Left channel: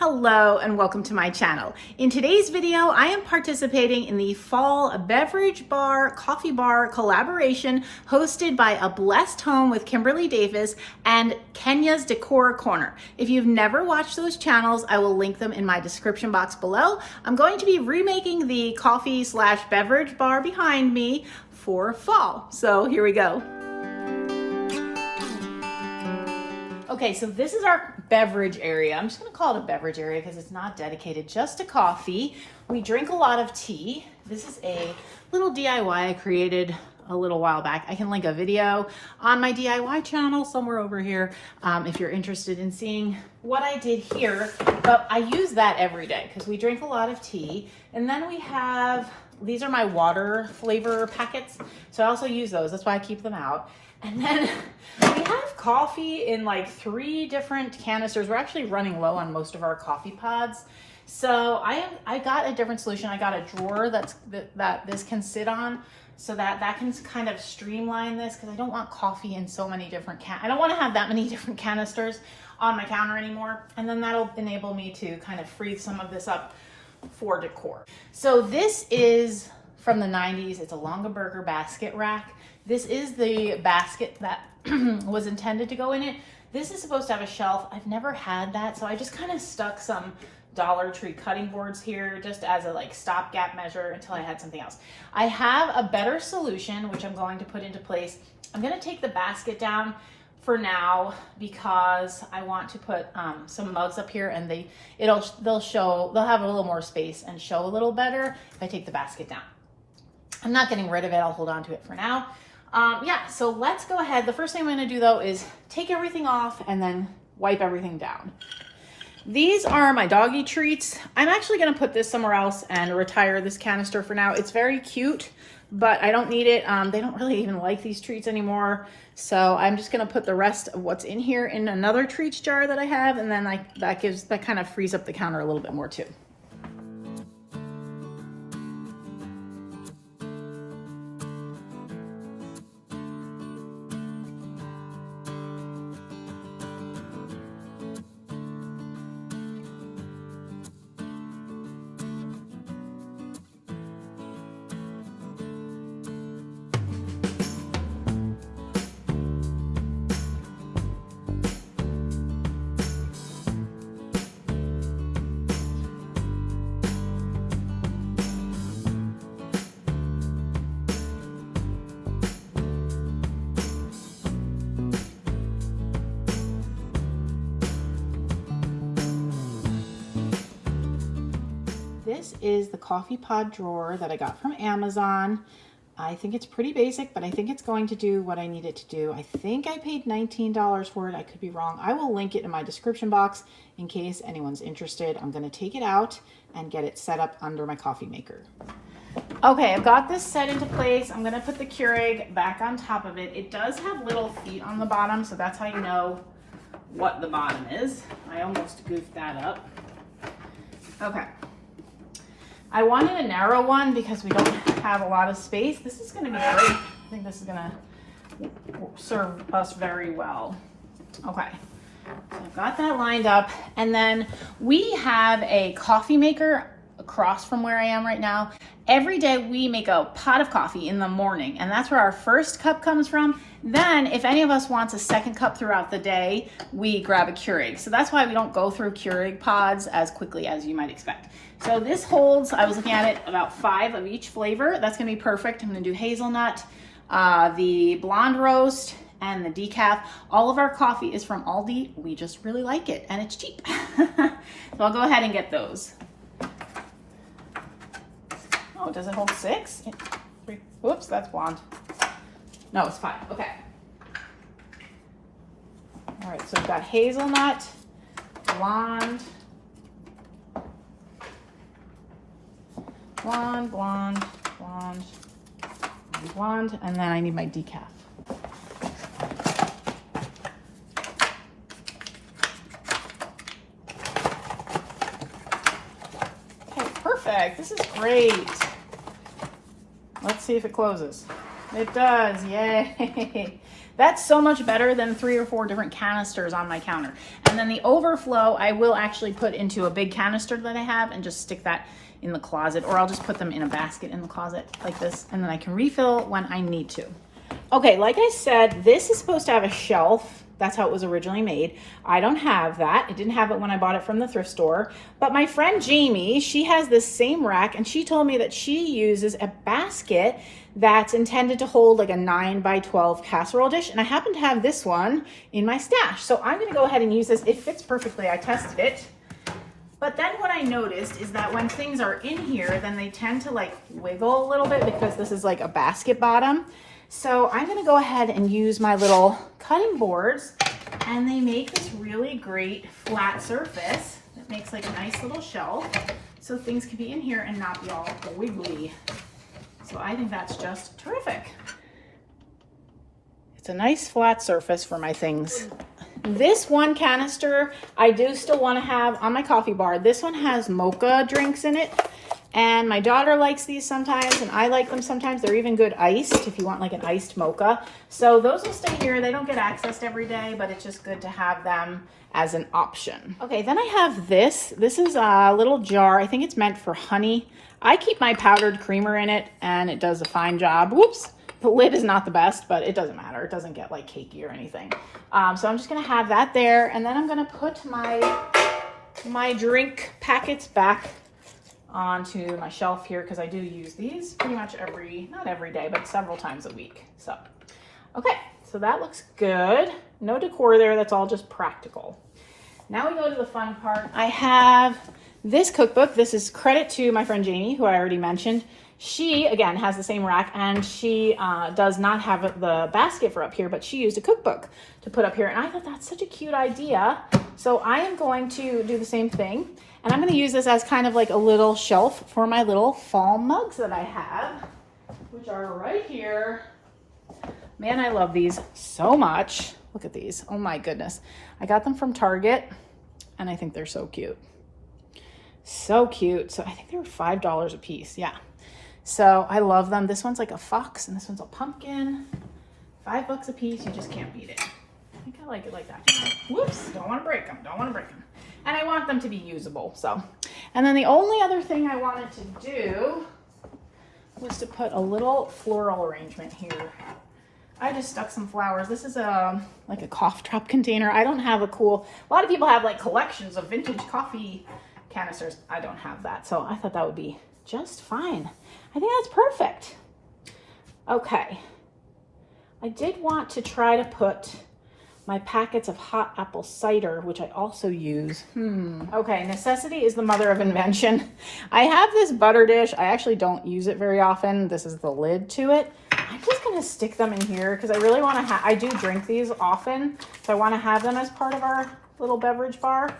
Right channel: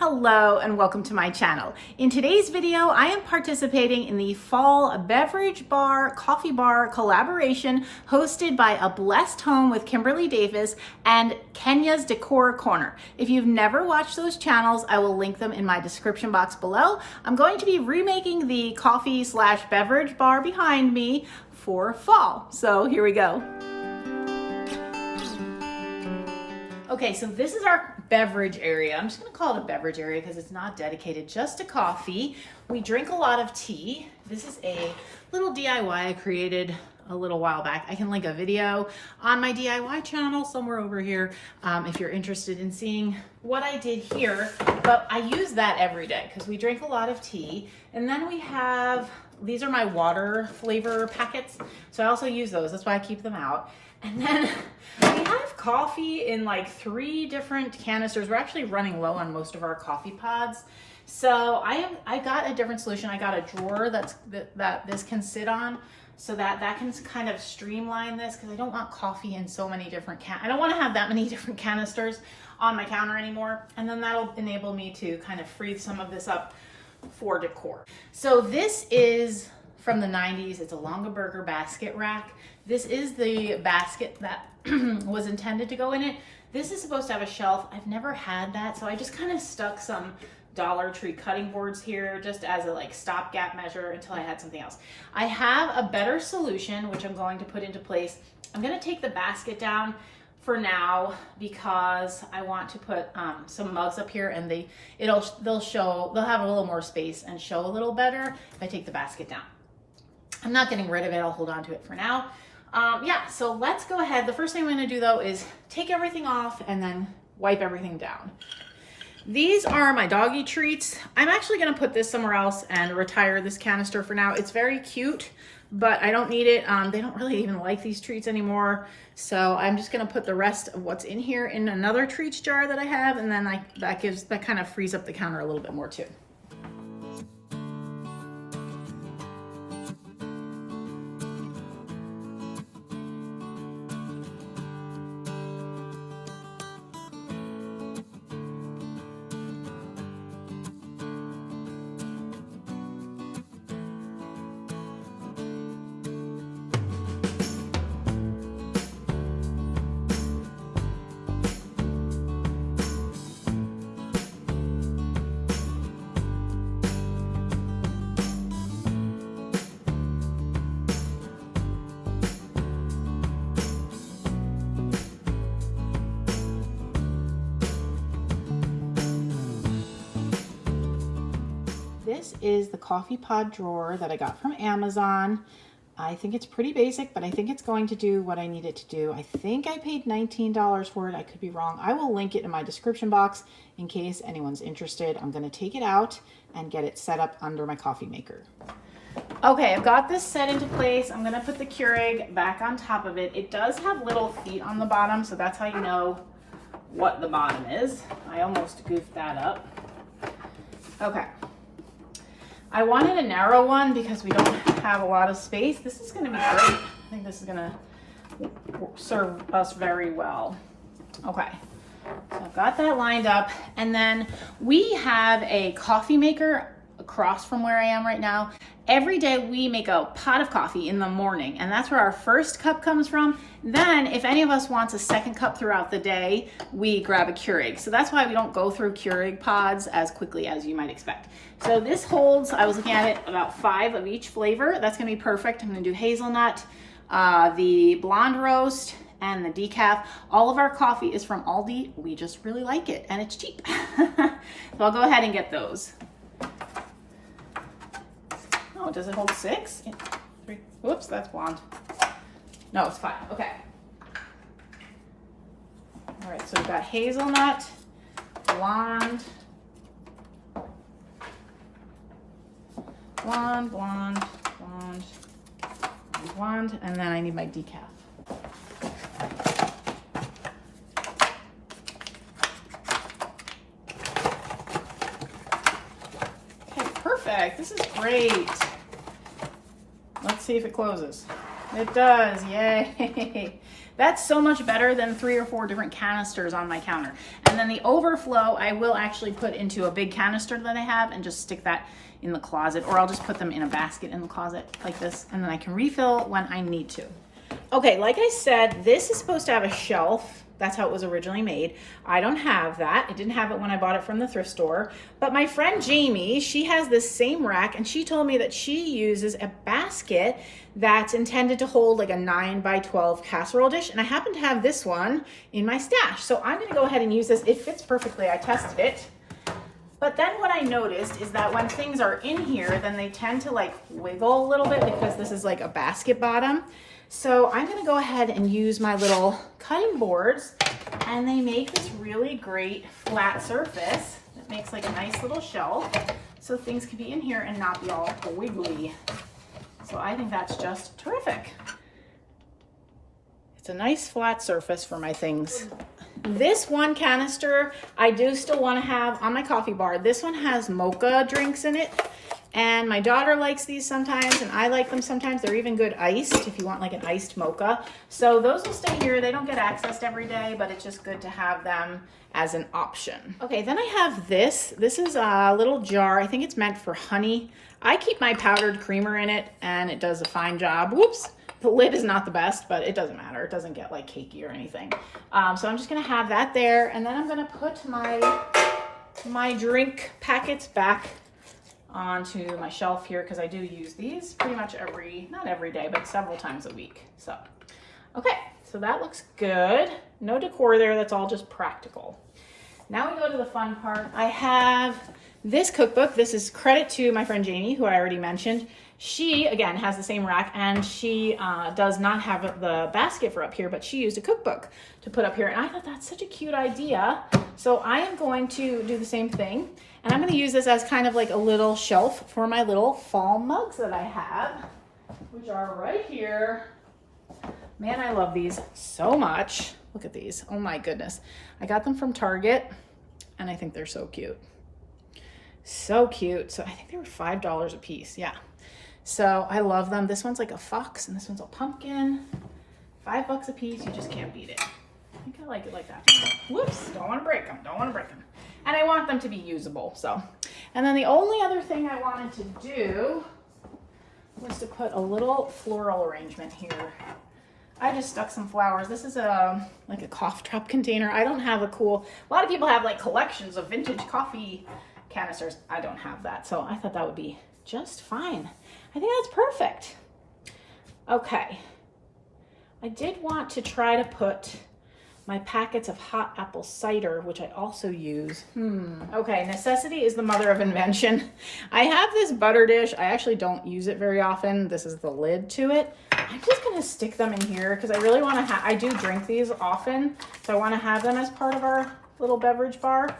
Hello and welcome to my channel. In today's video, I am participating in the fall beverage bar, coffee bar collaboration hosted by A Blessed Home with Kimberly Davis and Kenya's Decor Corner. If you've never watched those channels, I will link them in my description box below. I'm going to be remaking the coffee/beverage bar behind me for fall. So here we go. Okay, so this is our beverage area. I'm just gonna call it a beverage area because it's not dedicated just to coffee. We drink a lot of tea. This is a little DIY I created a little while back. I can link a video on my DIY channel somewhere over here if you're interested in seeing what I did here. But I use that every day because we drink a lot of tea. And then we have, these are my water flavor packets. So I also use those. That's why I keep them out. And then we have coffee in like 3 different canisters. We're actually running low on most of our coffee pods. So I got a different solution. I got a drawer that this can sit on so that can kind of streamline this because I don't want coffee in so many different I don't want to have that many different canisters on my counter anymore. And then that'll enable me to kind of free some of this up for decor. So this is from the 90s. It's a Longaberger basket rack. This is the basket that was intended to go in it. This is supposed to have a shelf. I've never had that, so I just kind of stuck some Dollar Tree cutting boards here just as a like stopgap measure until I had something else. I have a better solution, which I'm going to put into place. I'm going to take the basket down for now because I want to put some mugs up here, and they'll have a little more space and show a little better if I take the basket down. I'm not getting rid of it. I'll hold on to it for now. Yeah, so let's go ahead. The first thing I'm going to do though is take everything off and then wipe everything down. These are my doggy treats. I'm actually going to put this somewhere else and retire this canister for now. It's very cute, but I don't need it. They don't really even like these treats anymore. So I'm just going to put the rest of what's in here in another treats jar that I have. And then that kind of frees up the counter a little bit more too. This is the coffee pod drawer that I got from Amazon. I think it's pretty basic, but I think it's going to do what I need it to do. I think I paid $19 for it. I could be wrong. I will link it in my description box in case anyone's interested. I'm going to take it out and get it set up under my coffee maker. Okay, I've got this set into place. I'm going to put the Keurig back on top of it. It does have little feet on the bottom, so that's how you know what the bottom is. I almost goofed that up. Okay. I wanted a narrow one because we don't have a lot of space. This is going to be great. I think this is going to serve us very well. Okay, so I've got that lined up. And then we have a coffee maker across from where I am right now. Every day we make a pot of coffee in the morning, and that's where our first cup comes from. Then if any of us wants a second cup throughout the day, we grab a Keurig. So that's why we don't go through Keurig pods as quickly as you might expect. So this holds, I was looking at it, about 5 of each flavor. That's gonna be perfect. I'm gonna do hazelnut, the blonde roast, and the decaf. All of our coffee is from Aldi. We just really like it, and it's cheap. So I'll go ahead and get those. Oh, does it hold 6? 3. Whoops, that's blonde. No, it's 5. Okay. All right, so we've got hazelnut, blonde, blonde, and then I need my decaf. Okay, perfect. This is great. Let's see if it closes. It does, yay. That's so much better than 3 or 4 different canisters on my counter. And then the overflow, I will actually put into a big canister that I have and just stick that in the closet, or I'll just put them in a basket in the closet like this, and then I can refill when I need to. Okay, like I said, this is supposed to have a shelf. That's how it was originally made. I don't have that. I didn't have it when I bought it from the thrift store. But my friend Jamie, she has this same rack, and she told me that she uses a basket that's intended to hold like a 9x12 casserole dish. And I happen to have this one in my stash. So I'm gonna go ahead and use this. It fits perfectly. I tested it. But then what I noticed is that when things are in here, then they tend to like wiggle a little bit because this is like a basket bottom. So I'm gonna go ahead and use my little cutting boards, and they make this really great flat surface that makes like a nice little shelf. So things can be in here and not be all wiggly. So I think that's just terrific. It's a nice flat surface for my things. This one canister I do still want to have on my coffee bar. This one has mocha drinks in it, and my daughter likes these sometimes, and I like them sometimes. They're even good iced if you want like an iced mocha. So those will stay here. They don't get accessed every day, but it's just good to have them as an option. Okay, then I have this. This is a little jar. I think it's meant for honey. I keep my powdered creamer in it, and it does a fine job. Whoops. The lid is not the best, but it doesn't matter. It doesn't get like cakey or anything. So I'm just gonna have that there, and then I'm gonna put my drink packets back onto my shelf here, because I do use these pretty much not every day, but several times a week. So, okay, so that looks good. No decor there, that's all just practical. Now we go to the fun part. I have this cookbook. This is credit to my friend Jamie, who I already mentioned. She, again, has the same rack, and she does not have the basket for up here, but she used a cookbook to put up here. And I thought that's such a cute idea. So I am going to do the same thing. And I'm going to use this as kind of like a little shelf for my little fall mugs that I have, which are right here. Man, I love these so much. Look at these. Oh my goodness. I got them from Target, and I think they're so cute. So cute. So I think they were $5 a piece. Yeah. So I love them. This one's like a fox, and this one's a pumpkin. $5 a piece. You just can't beat it. I think I like it like that. Whoops. Don't want to break them. Don't want to break them. And I want them to be usable. So, and then the only other thing I wanted to do was to put a little floral arrangement here. I just stuck some flowers. This is like a cough drop container. I don't have a lot of people have like collections of vintage coffee canisters. I don't have that. So I thought that would be just fine. I think that's perfect. Okay. I did want to try to put my packets of hot apple cider, which I also use. Okay, necessity is the mother of invention. I have this butter dish. I actually don't use it very often. This is the lid to it. I'm just gonna stick them in here because I really want to I do drink these often, so I want to have them as part of our little beverage bar.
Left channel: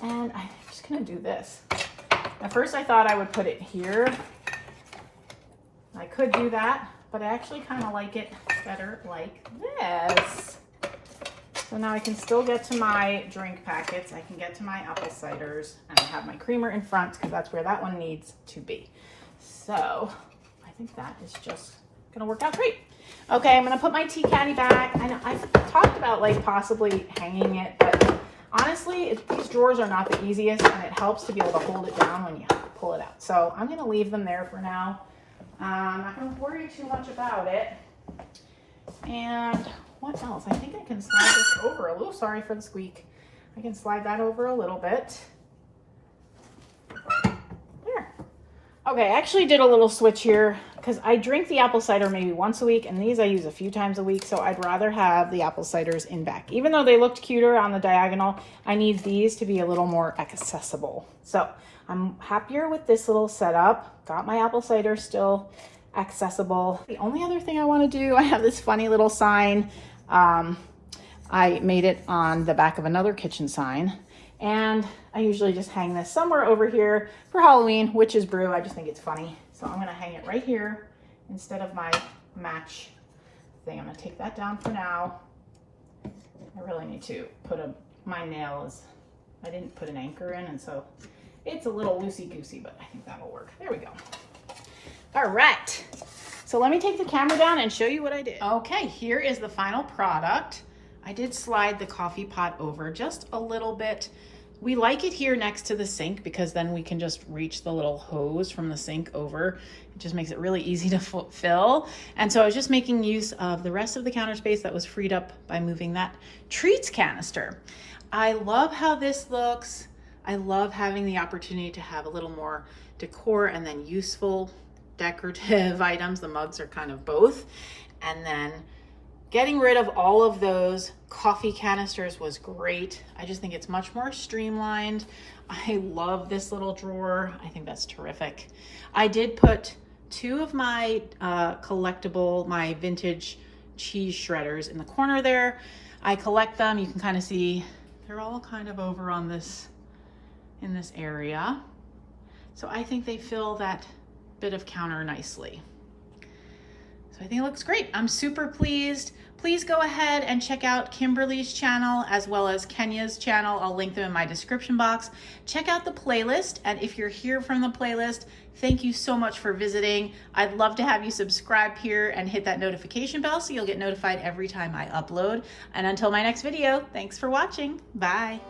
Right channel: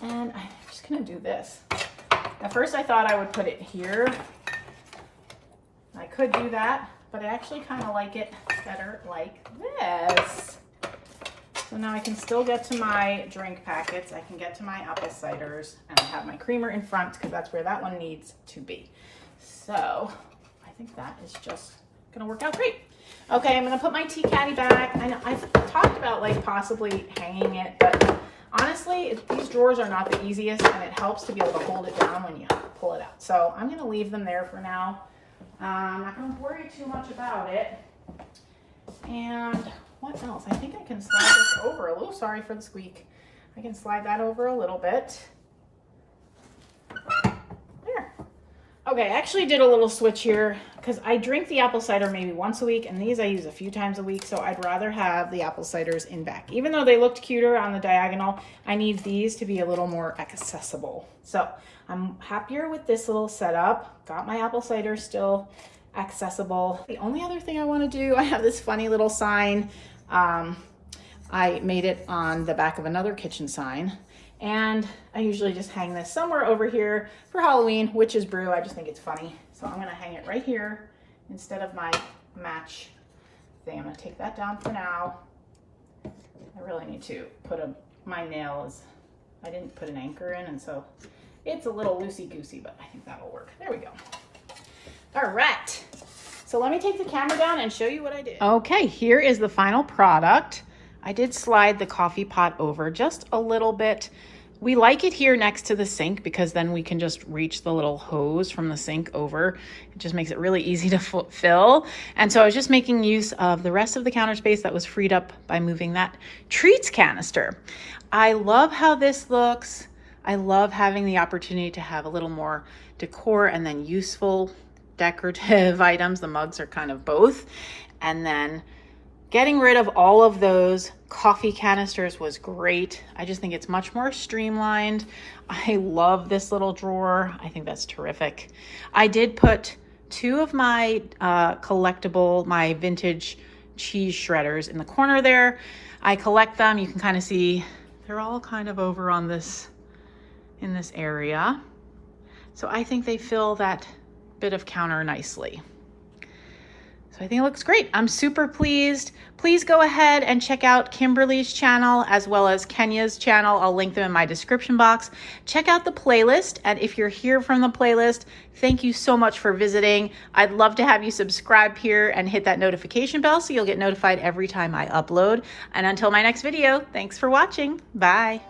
And I'm just gonna do this. At first I thought I would put it here. I could do that, but I actually kind of like it better like this. So now I can still get to my drink packets. I can get to my apple ciders, and I have my creamer in front because that's where that one needs to be. So I think that is just gonna work out great. Okay, I'm gonna put my tea caddy back. I know I've talked about like possibly hanging it, but honestly, these drawers are not the easiest, and it helps to be able to hold it down when you pull it out. So I'm gonna leave them there for now. I'm not gonna worry too much about it. And what else? I think I can slide this over a little. Sorry for the squeak. I can slide that over a little bit. There. Okay, I actually did a little switch here because I drink the apple cider maybe once a week, and these I use a few times a week, so I'd rather have the apple ciders in back. Even though they looked cuter on the diagonal, I need these to be a little more accessible. So I'm happier with this little setup. Got my apple cider still accessible. The only other thing I want to do, I have this funny little sign. I made it on the back of another kitchen sign, and I usually just hang this somewhere over here for Halloween, witch's brew. I just think it's funny. So I'm gonna hang it right here instead of my match thing. I'm gonna take that down for now. I really need to put my nails, I didn't put an anchor in, and so it's a little loosey-goosey, but I think that'll work. There we go. All right. So let me take the camera down and show you what I did. Okay, here is the final product. I did slide the coffee pot over just a little bit. We like it here next to the sink because then we can just reach the little hose from the sink over. It just makes it really easy to fill. And so I was just making use of the rest of the counter space that was freed up by moving that treats canister. I love how this looks. I love having the opportunity to have a little more decor and then useful decorative items. The mugs are kind of both. And then getting rid of all of those coffee canisters was great. I just think it's much more streamlined. I love this little drawer. I think that's terrific. I did put 2 of my my vintage cheese shredders in the corner there. I collect them. You can kind of see they're all kind of over on this, in this area. So I think they fill that bit of counter nicely. So I think it looks great. I'm super pleased. Please go ahead and check out Kimberly's channel as well as Kenya's channel. I'll link them in my description box. Check out the playlist. And if you're here from the playlist, thank you so much for visiting. I'd love to have you subscribe here and hit that notification bell so you'll get notified every time I upload. And until my next video, thanks for watching. Bye.